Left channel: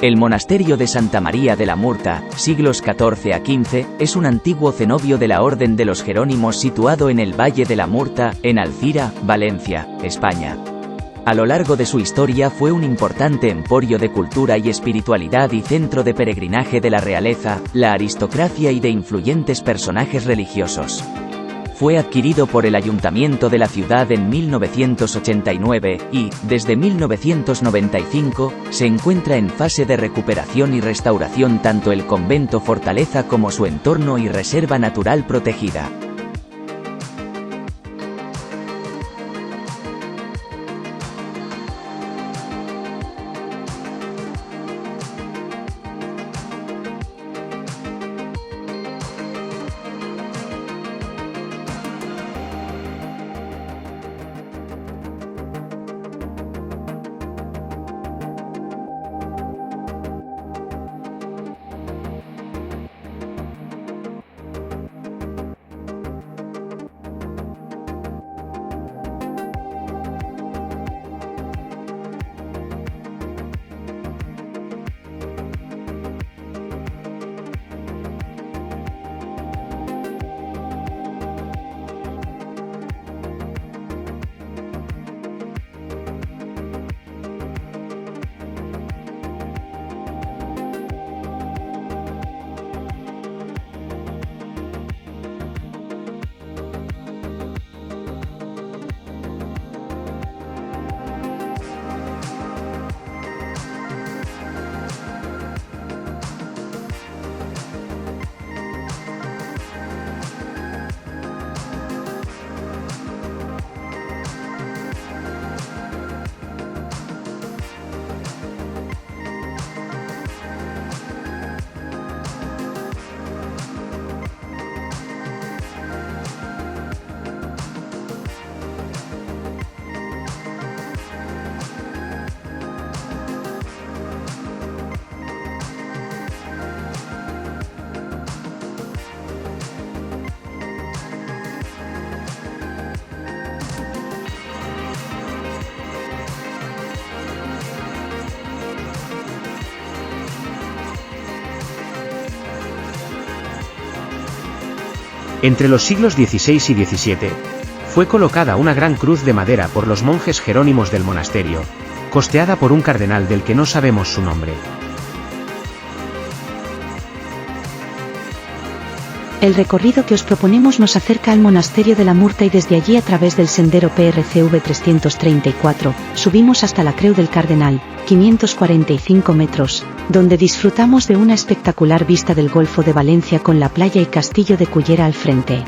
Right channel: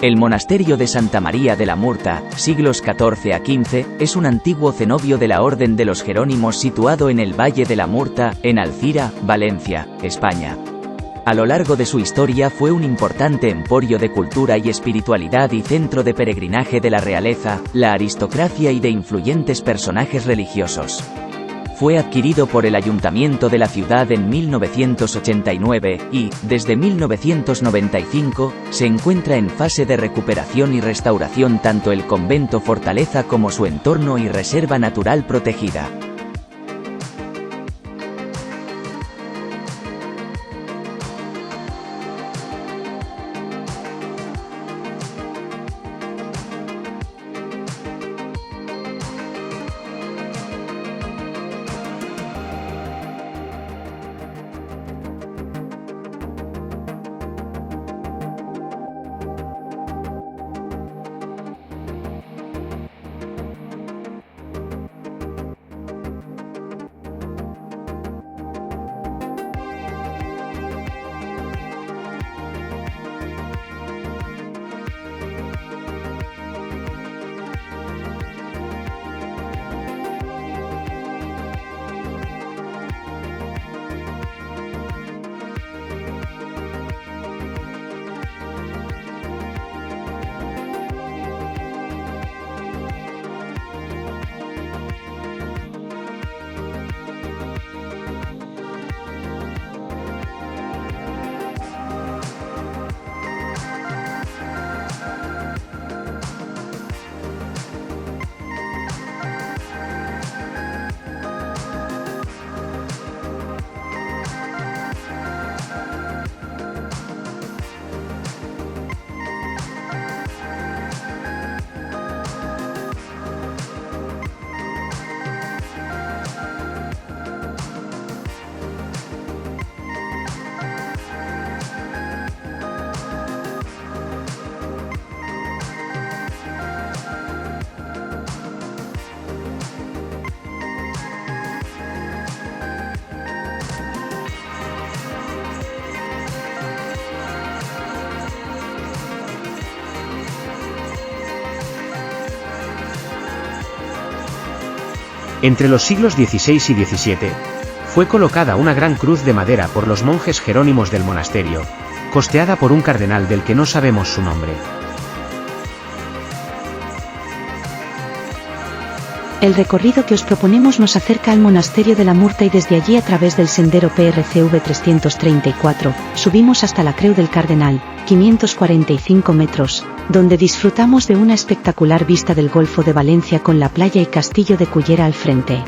El monasterio de Santa María de la Murta, siglos XIV a XV, es un antiguo cenobio de la Orden de los Jerónimos situado en el Valle de la Murta, en Alcira, Valencia, España. A lo largo de su historia fue un importante emporio de cultura y espiritualidad y centro de peregrinaje de la realeza, la aristocracia y de influyentes personajes religiosos. Fue adquirido por el Ayuntamiento de la ciudad en 1989 y, desde 1995, se encuentra en fase de recuperación y restauración tanto el convento fortaleza como su entorno y reserva natural protegida. Entre los siglos XVI y XVII, fue colocada una gran cruz de madera por los monjes jerónimos del monasterio, costeada por un cardenal del que no sabemos su nombre. El recorrido que os proponemos nos acerca al monasterio de la Murta y desde allí a través del sendero PRCV 334, subimos hasta la Creu del Cardenal, 545 metros, donde disfrutamos de una espectacular vista del Golfo de Valencia con la playa y castillo de Cullera al frente.